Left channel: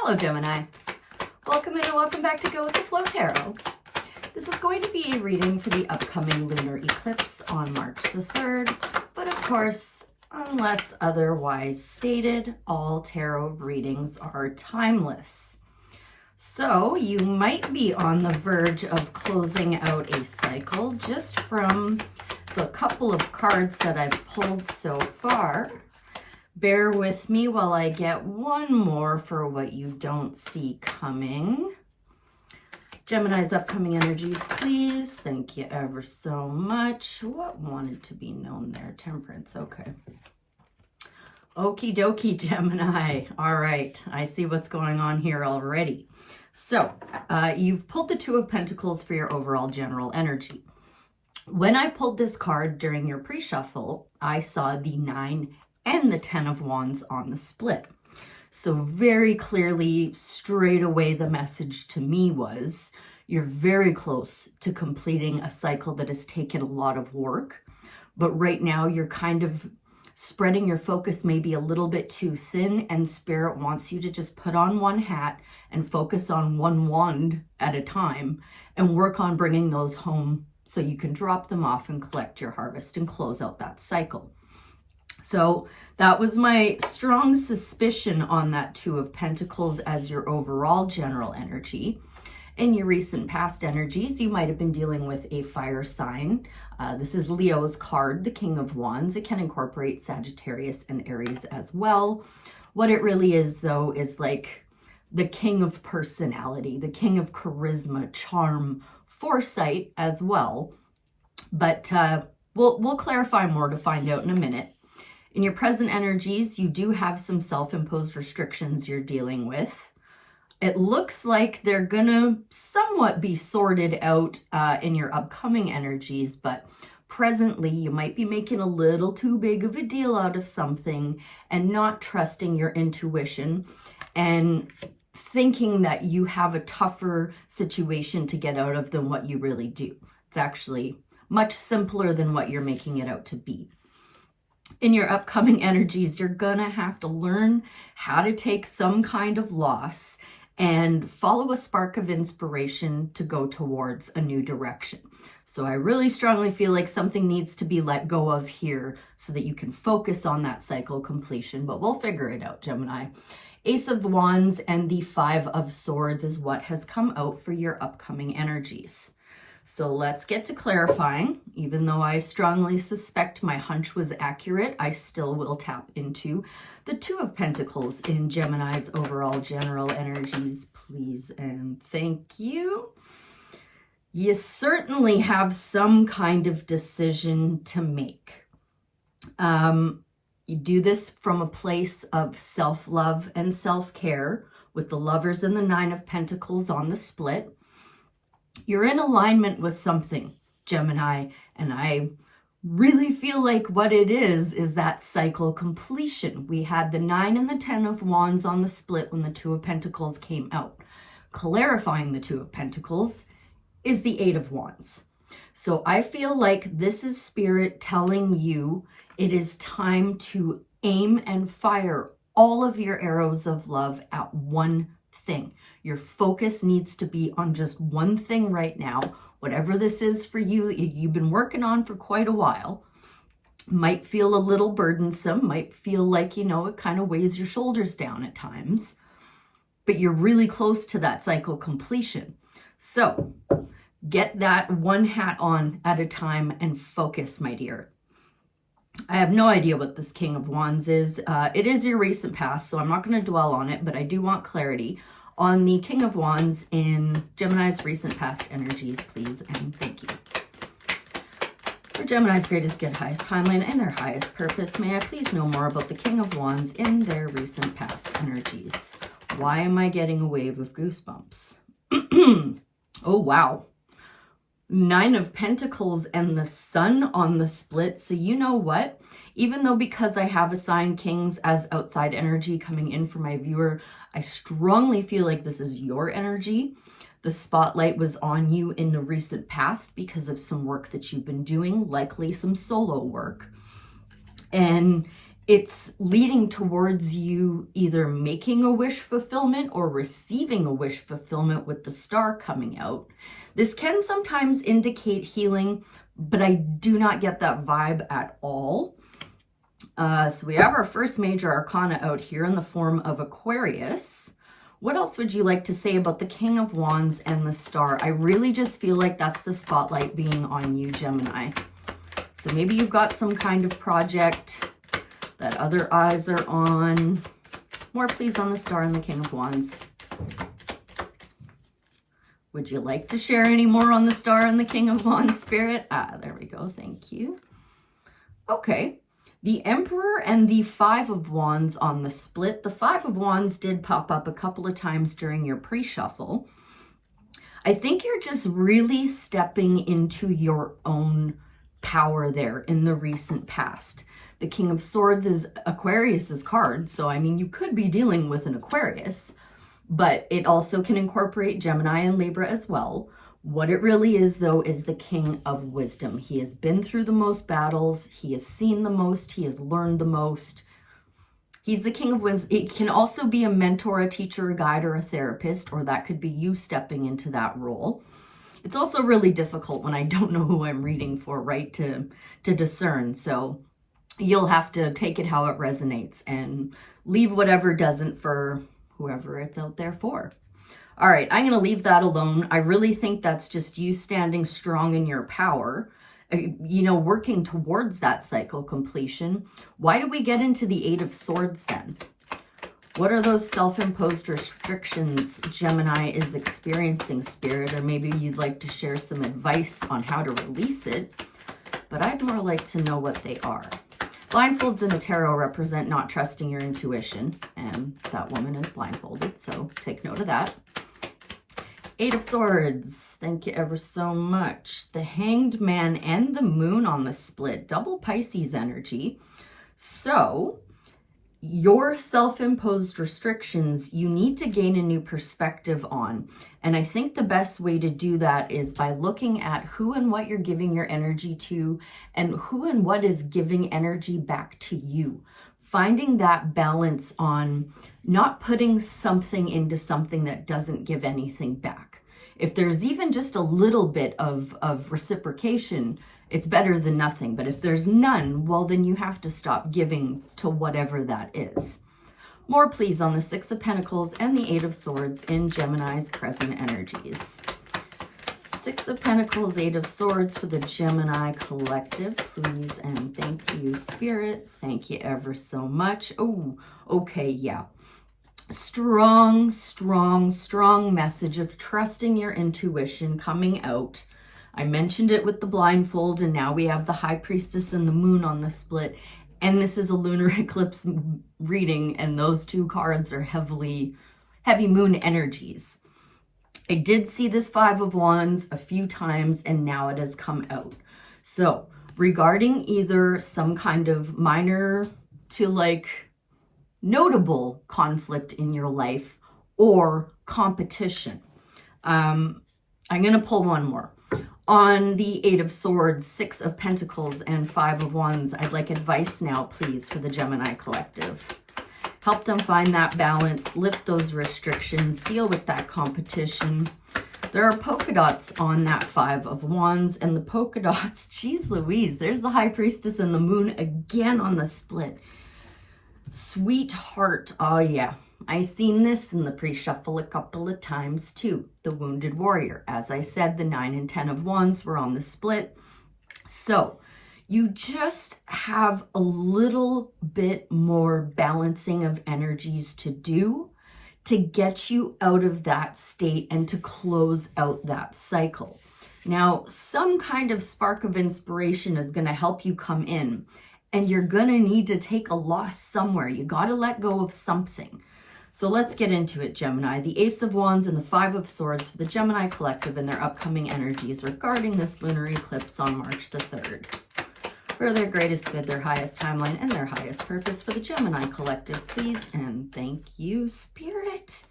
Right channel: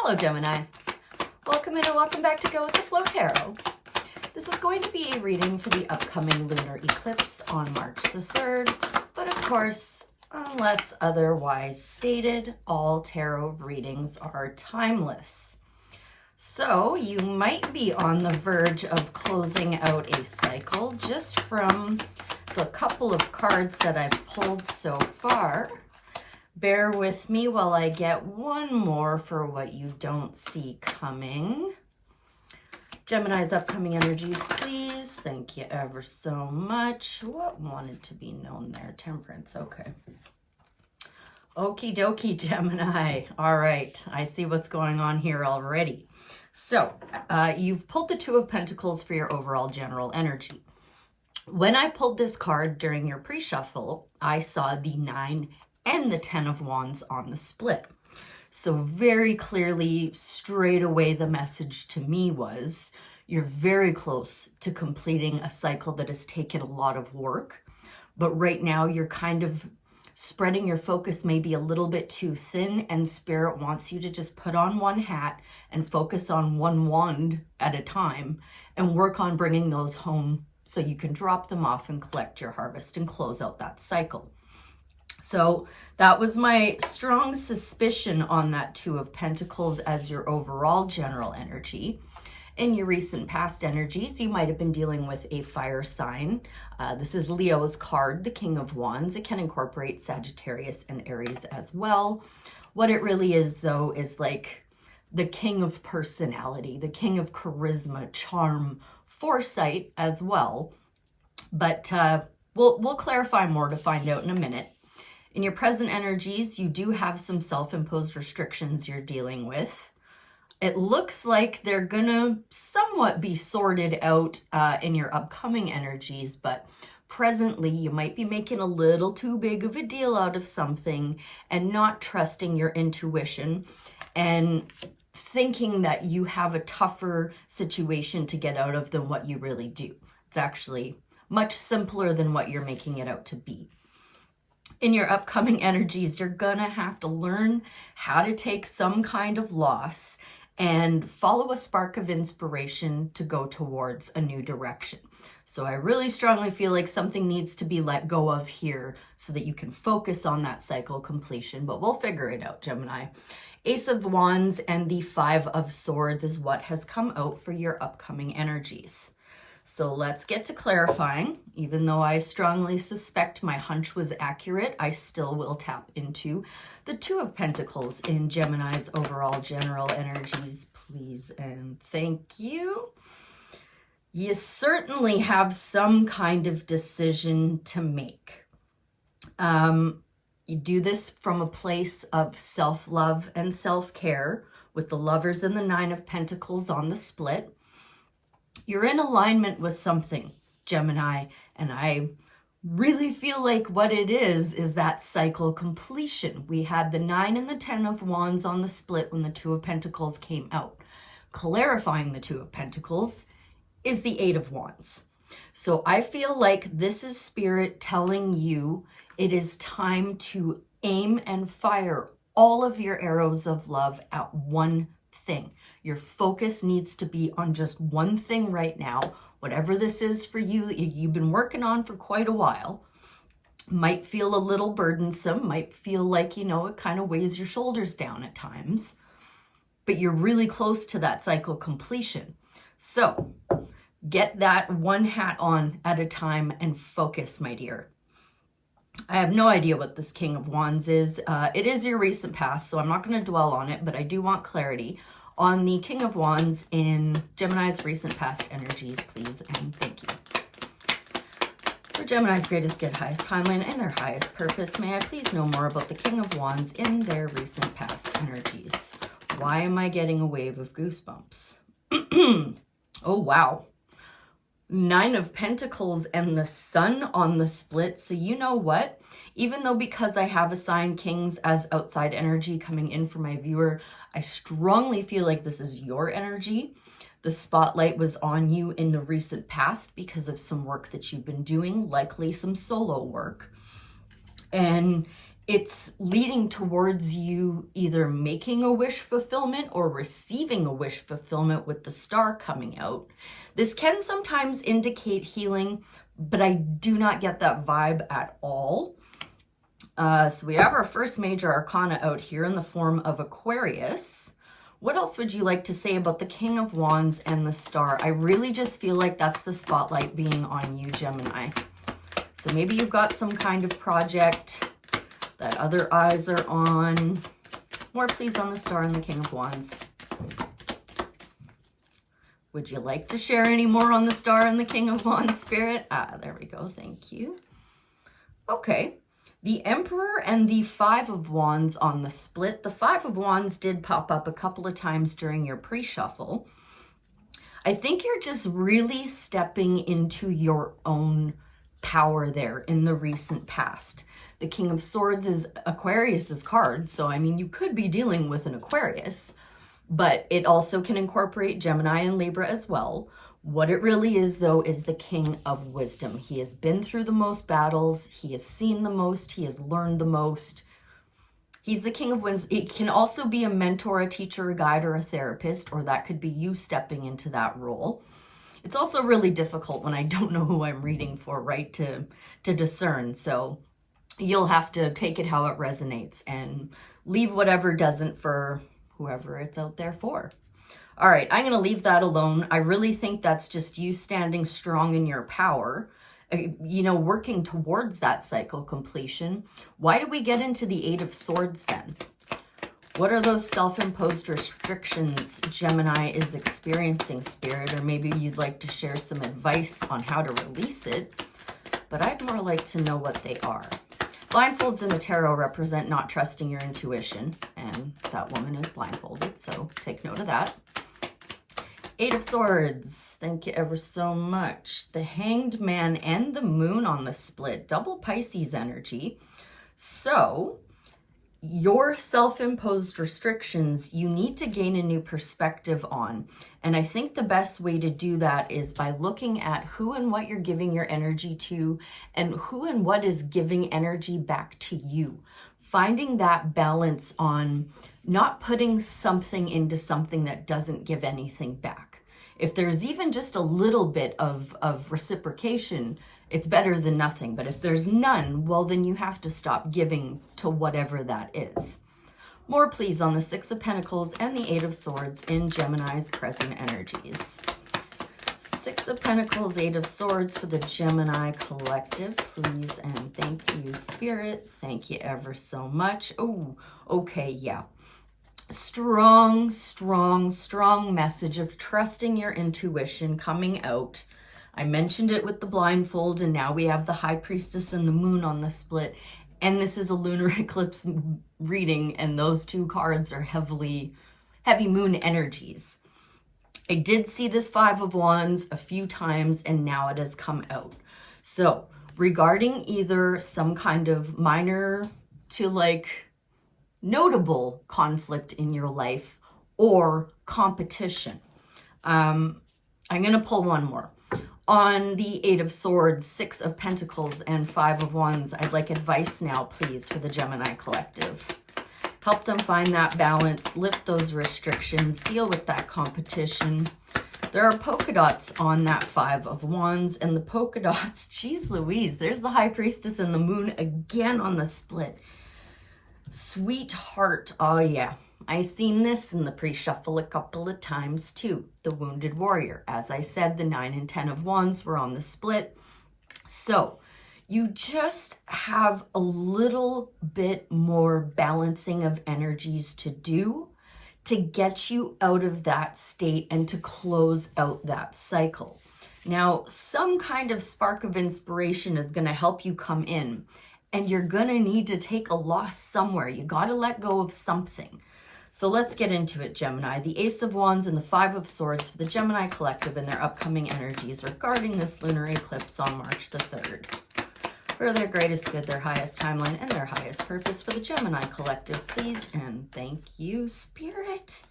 Hello, Gemini. Welcome in and welcome back to Go with the Flow Tarot. This is going to be a reading for the upcoming lunar eclipse on March the 3rd, but of course, unless otherwise stated, all tarot readings are timeless. So you might be on the verge of closing out a cycle just from the couple of cards that I've pulled so far. Bear with me while I get one more for what you don't see coming. Gemini's upcoming energies, please. Thank you ever so much. What wanted to be known there? Temperance, okay. Okie dokie, Gemini. All right, I see what's going on here already. So, you've pulled the Two of Pentacles for your overall general energy. When I pulled this card during your pre-shuffle, I saw the 9 and the 10 of Wands on the split. So very clearly, straight away, the message to me was, you're very close to completing a cycle that has taken a lot of work. But right now, you're kind of spreading your focus maybe a little bit too thin, and Spirit wants you to just put on one hat and focus on one wand at a time and work on bringing those home so you can drop them off and collect your harvest and close out that cycle. So that was my strong suspicion on that Two of Pentacles as your overall general energy. In your recent past energies, you might have been dealing with a fire sign. This is Leo's card, the King of Wands. It can incorporate Sagittarius and Aries as well. What it really is, though, is like the king of personality, the king of charisma, charm, foresight as well. But we'll clarify more to find out in a minute. In your present energies, you do have some self-imposed restrictions you're dealing with. It looks like they're gonna somewhat be sorted out in your upcoming energies, but presently you might be making a little too big of a deal out of something and not trusting your intuition and thinking that you have a tougher situation to get out of than what you really do. It's actually much simpler than what you're making it out to be. In your upcoming energies, you're gonna have to learn how to take some kind of loss and follow a spark of inspiration to go towards a new direction. So I really strongly feel like something needs to be let go of here so that you can focus on that cycle completion, but we'll figure it out, Gemini. Ace of Wands and the Five of Swords is what has come out for your upcoming energies. So let's get to clarifying. Even though I strongly suspect my hunch was accurate, I still will tap into the Two of Pentacles in Gemini's overall general energies, please and thank you. You certainly have some kind of decision to make. You do this from a place of self-love and self-care with the Lovers and the Nine of Pentacles on the split. You're in alignment with something, Gemini, and I really feel like what it is that cycle completion. We had the 9 and the 10 of Wands on the split when the Two of Pentacles came out. Clarifying the Two of Pentacles is the 8 of Wands. So I feel like this is Spirit telling you it is time to aim and fire all of your arrows of love at one thing. Your focus needs to be on just one thing right now. Whatever this is for you that you've been working on for quite a while, might feel a little burdensome, might feel like, you know, it kind of weighs your shoulders down at times, but you're really close to that cycle completion. So get that one hat on at a time and focus, my dear. I have no idea what this King of Wands is. It is your recent past, so I'm not going to dwell on it, but I do want clarity on the King of Wands in Gemini's recent past energies, please and thank you. For Gemini's greatest good, highest timeline, and their highest purpose, may I please know more about the King of Wands in their recent past energies? Why am I getting a wave of goosebumps? Oh, wow. 9 of Pentacles and the Sun on the split. So you know what? Even though because I have assigned Kings as outside energy coming in for my viewer, I strongly feel like this is your energy. The spotlight was on you in the recent past because of some work that you've been doing, likely some solo work. And it's leading towards you either making a wish fulfillment or receiving a wish fulfillment with the star coming out. This can sometimes indicate healing, but I do not get that vibe at all. So we have our first major arcana out here in the form of Aquarius. What else would you like to say about the King of Wands and the Star? I really just feel like that's the spotlight being on you, Gemini. So maybe you've got some kind of project that other eyes are on. More please on the Star and the King of Wands. Would you like to share any more on the Star and the King of Wands, Spirit? There we go. Thank you. Okay. The Emperor and the Five of Wands on the split. The Five of Wands did pop up a couple of times during your pre-shuffle. I think you're just really stepping into your own power there in the recent past. The King of Swords is Aquarius's card, so I mean, you could be dealing with an Aquarius, but it also can incorporate Gemini and Libra as well. What it really is, though, is the King of Wisdom. He has been through the most battles. He has seen the most. He has learned the most. He's the King of Wisdom. It can also be a mentor, a teacher, a guide, or a therapist, or that could be you stepping into that role. It's also really difficult when I don't know who I'm reading for, right, to discern. So you'll have to take it how it resonates and leave whatever doesn't for whoever it's out there for. All right, I'm going to leave that alone. I really think that's just you standing strong in your power, you know, working towards that cycle completion. Why do we get into the Eight of Swords then? What are those self-imposed restrictions Gemini is experiencing, Spirit? Or maybe you'd like to share some advice on how to release it, but I'd more like to know what they are. Blindfolds in the tarot represent not trusting your intuition, and that woman is blindfolded, so take note of that. Eight of Swords, thank you ever so much. The Hanged Man and the Moon on the split, double Pisces energy. So your self-imposed restrictions, you need to gain a new perspective on. And I think the best way to do that is by looking at who and what you're giving your energy to and who and what is giving energy back to you. Finding that balance on not putting something into something that doesn't give anything back. If there's even just a little bit of reciprocation, it's better than nothing. But if there's none, well, then you have to stop giving to whatever that is. More please on the Six of Pentacles and the Eight of Swords in Gemini's present energies. Six of Pentacles, Eight of Swords for the Gemini collective, please and thank you, Spirit. Thank you ever so much. Oh, okay, yeah. Strong, strong, strong message of trusting your intuition coming out. I mentioned it with the blindfold, and now we have the High Priestess and the Moon on the split. And this is a lunar eclipse reading, and those two cards are heavy moon energies. I did see this Five of Wands a few times, and now it has come out. So regarding either some kind of minor to like notable conflict in your life or competition. I'm going to pull one more. On the Eight of Swords, Six of Pentacles, and Five of Wands, I'd like advice now, please, for the Gemini collective. Help them find that balance, lift those restrictions, deal with that competition. There are polka dots on that Five of Wands, and the polka dots, geez Louise, there's the High Priestess and the Moon again on the split. Sweetheart, oh yeah, I seen this in the pre-shuffle a couple of times too. The Wounded Warrior. As I said, the 9 and 10 of Wands were on the split. So you just have a little bit more balancing of energies to do to get you out of that state and to close out that cycle. Now, some kind of spark of inspiration is going to help you come in. And you're going to need to take a loss somewhere. You got to let go of something. So let's get into it, Gemini. The Ace of Wands and the Five of Swords for the Gemini collective and their upcoming energies regarding this lunar eclipse on March the 3rd. For their greatest good, their highest timeline, and their highest purpose for the Gemini collective, please and thank you, Spirit.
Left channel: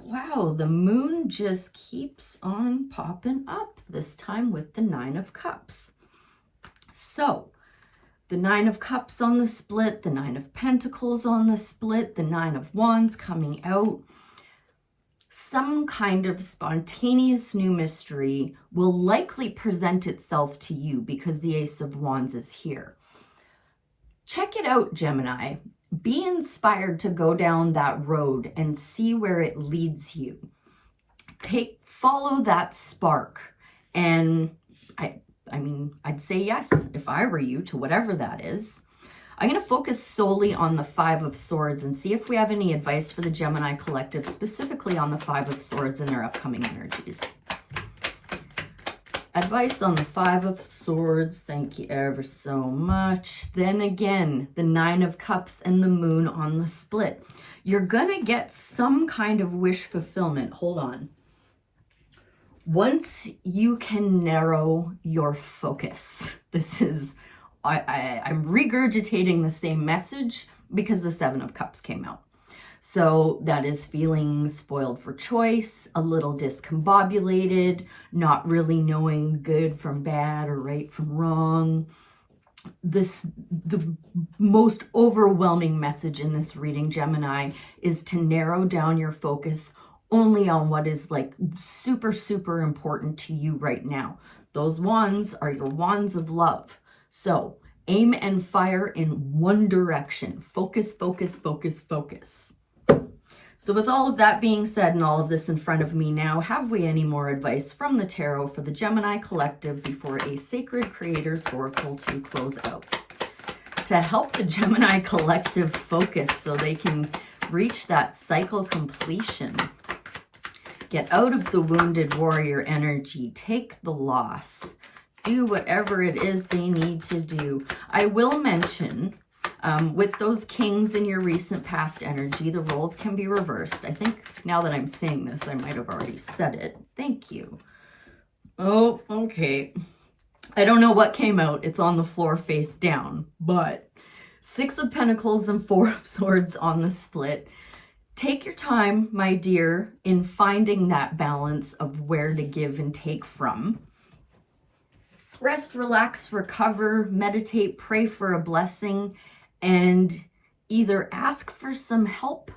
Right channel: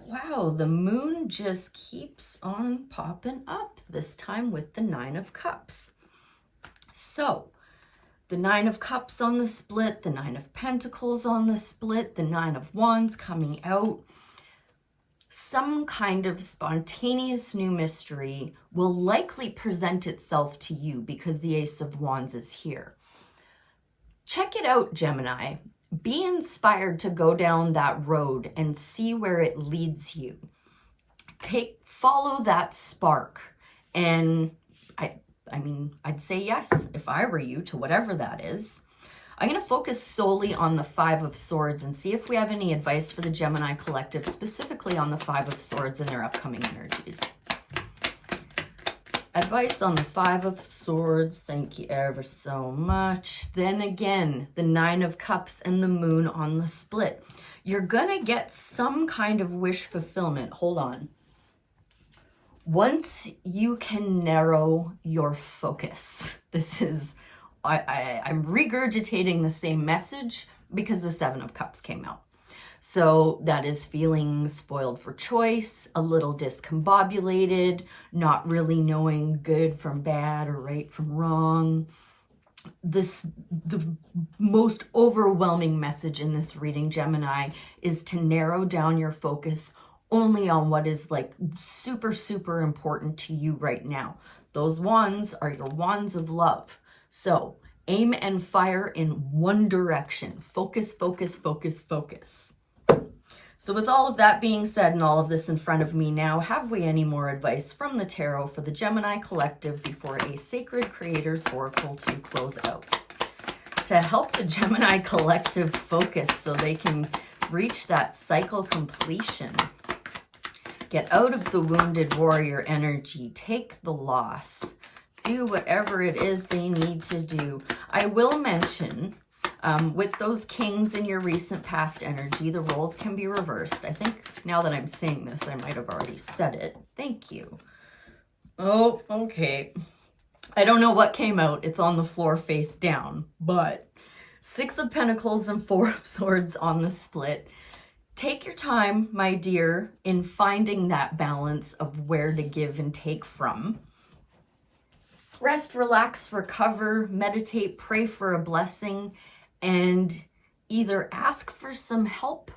Wow, the moon just keeps on popping up, this time with the Nine of Cups. So, the Nine of Cups on the split, the Nine of Pentacles on the split, the Nine of Wands coming out. Some kind of spontaneous new mystery will likely present itself to you because the Ace of Wands is here. Check it out, Gemini. Be inspired to go down that road and see where it leads you. Follow that spark. And I mean, I'd say yes, if I were you, to whatever that is. I'm going to focus solely on the Five of Swords and see if we have any advice for the Gemini collective, specifically on the Five of Swords and their upcoming energies. Advice on the Five of Swords. Thank you ever so much. Then again, the Nine of Cups and the Moon on the split. You're going to get some kind of wish fulfillment. Hold on. Once you can narrow your focus, this is, I'm regurgitating the same message because the Seven of Cups came out. So that is feeling spoiled for choice, a little discombobulated, not really knowing good from bad or right from wrong. The most overwhelming message in this reading, Gemini, is to narrow down your focus only on what is like super, super important to you right now. Those wands are your wands of love. So aim and fire in one direction. Focus, focus, focus, focus. So with all of that being said and all of this in front of me now, have we any more advice from the tarot for the Gemini collective before a Sacred Creators Oracle to close out? To help the Gemini collective focus so they can reach that cycle completion. Get out of the wounded warrior energy. Take the loss. Do whatever it is they need to do. I will mention, with those kings in your recent past energy, the roles can be reversed. I think now that I'm saying this, I might have already said it. Thank you. Oh, okay. I don't know what came out. It's on the floor face down. But Six of Pentacles and Four of Swords on the split. Take your time, my dear, in finding that balance of where to give and take from. Rest, relax, recover, meditate, pray for a blessing, and either ask for some help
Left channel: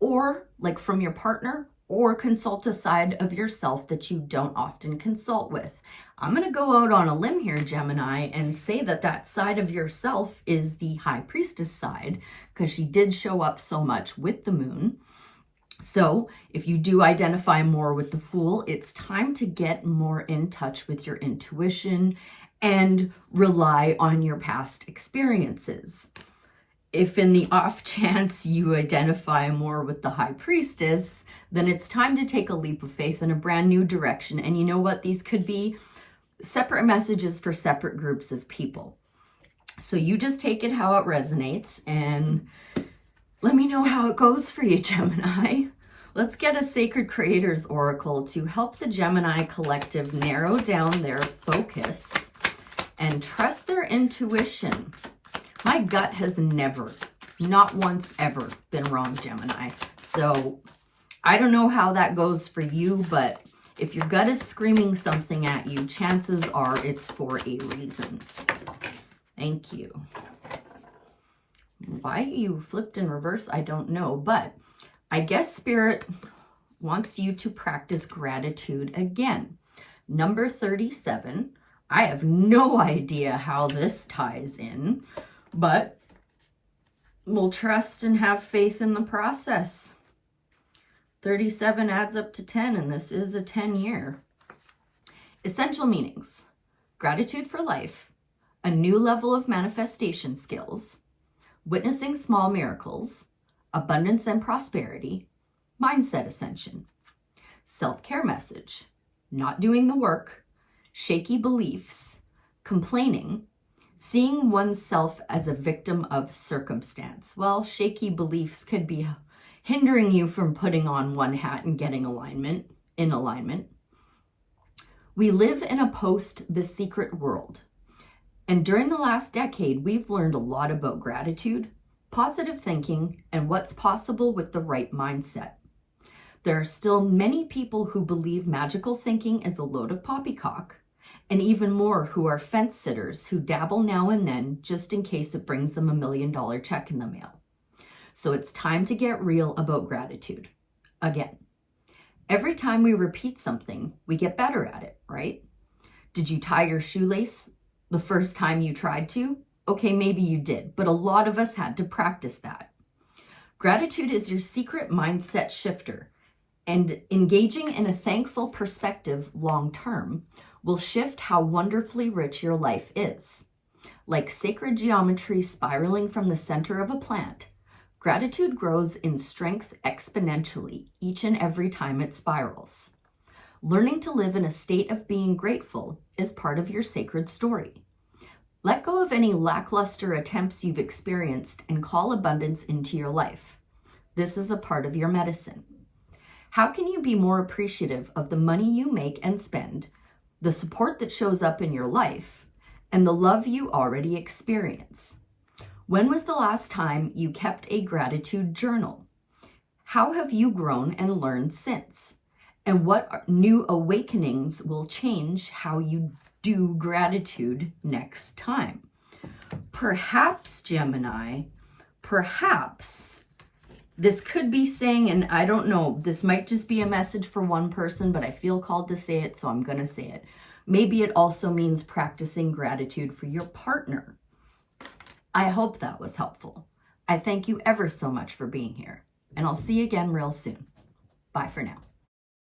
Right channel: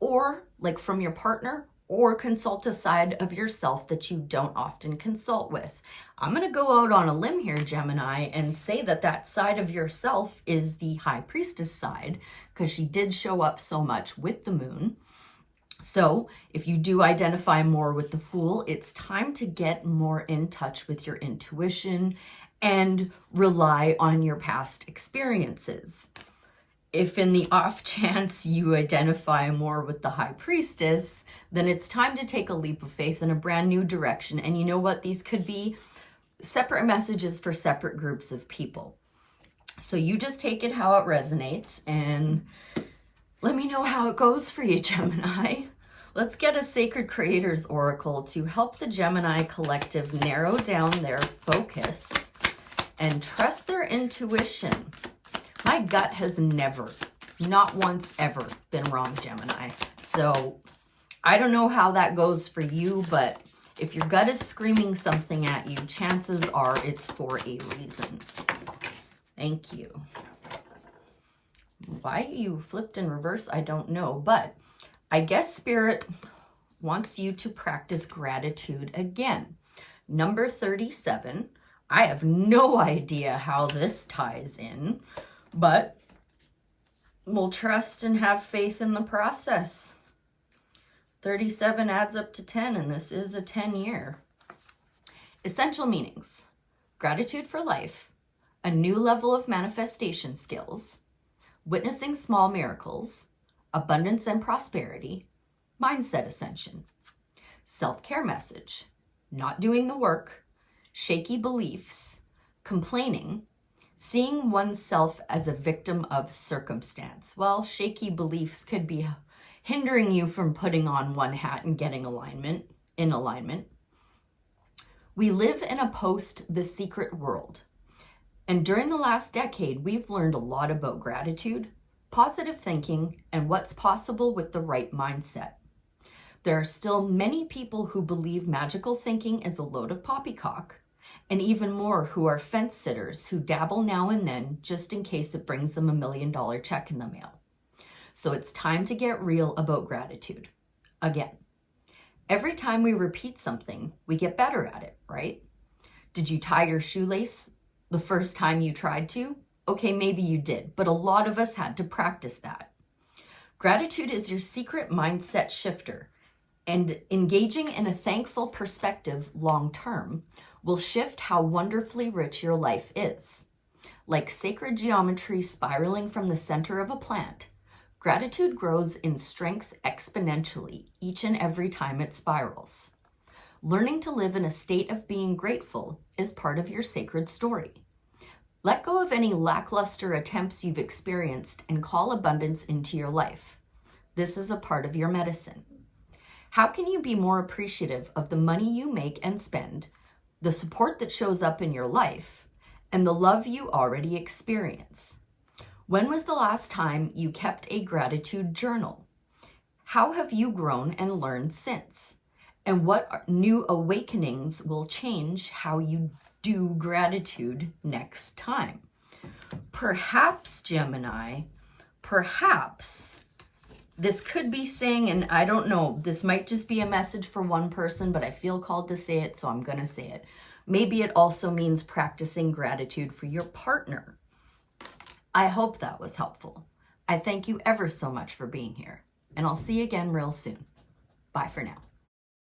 or like from your partner, or consult a side of yourself that you don't often consult with. I'm going to go out on a limb here, Gemini, and say that that side of yourself is the High Priestess side, because she did show up so much with the moon. So if you do identify more with the Fool, it's time to get more in touch with your intuition and rely on your past experiences. If in the off chance you identify more with the High Priestess, then it's time to take a leap of faith in a brand new direction. And you know what? These could be separate messages for separate groups of people. So you just take it how it resonates and let me know how it goes for you, Gemini. Let's get a Sacred Creators Oracle to help the Gemini collective narrow down their focus and trust their intuition. My gut has never, not once ever, been wrong, Gemini. So I don't know how that goes for you, but if your gut is screaming something at you, chances are it's for a reason. Thank you. Why you flipped in reverse, I don't know, but I guess Spirit wants you to practice gratitude again. Number 37. I have no idea how this ties in, but we'll trust and have faith in the process. 37 adds up to 10, and this is a 10-year. Essential meanings: gratitude for life, a new level of manifestation skills, witnessing small miracles, abundance and prosperity, mindset ascension. Self-care message: not doing the work, shaky beliefs, complaining, seeing oneself as a victim of circumstance. Well, shaky beliefs could be hindering you from putting on one hat and getting in alignment. We live in a post-The Secret world. And during the last decade, we've learned a lot about gratitude, positive thinking, and what's possible with the right mindset. There are still many people who believe magical thinking is a load of poppycock, and even more who are fence sitters who dabble now and then just in case it brings them $1 million check in the mail. So it's time to get real about gratitude. Again, every time we repeat something, we get better at it, right? Did you tie your shoelace the first time you tried to? Okay, maybe you did, but a lot of us had to practice that. Gratitude is your secret mindset shifter, and engaging in a thankful perspective long term will shift how wonderfully rich your life is. Like sacred geometry spiraling from the center of a plant, gratitude grows in strength exponentially each and every time it spirals. Learning to live in a state of being grateful is part of your sacred story. Let go of any lackluster attempts you've experienced and call abundance into your life. This is a part of your medicine. How can you be more appreciative of the money you make and spend, the support that shows up in your life, and the love you already experience? When was the last time you kept a gratitude journal? How have you grown and learned since? And what new awakenings will change how you do gratitude next time? Perhaps, Gemini, perhaps this could be saying, and I don't know, this might just be a message for one person, but I feel called to say it, so I'm going to say it. Maybe it also means practicing gratitude for your partner. I hope that was helpful. I thank you ever so much for being here, and I'll see you again real soon. Bye for now.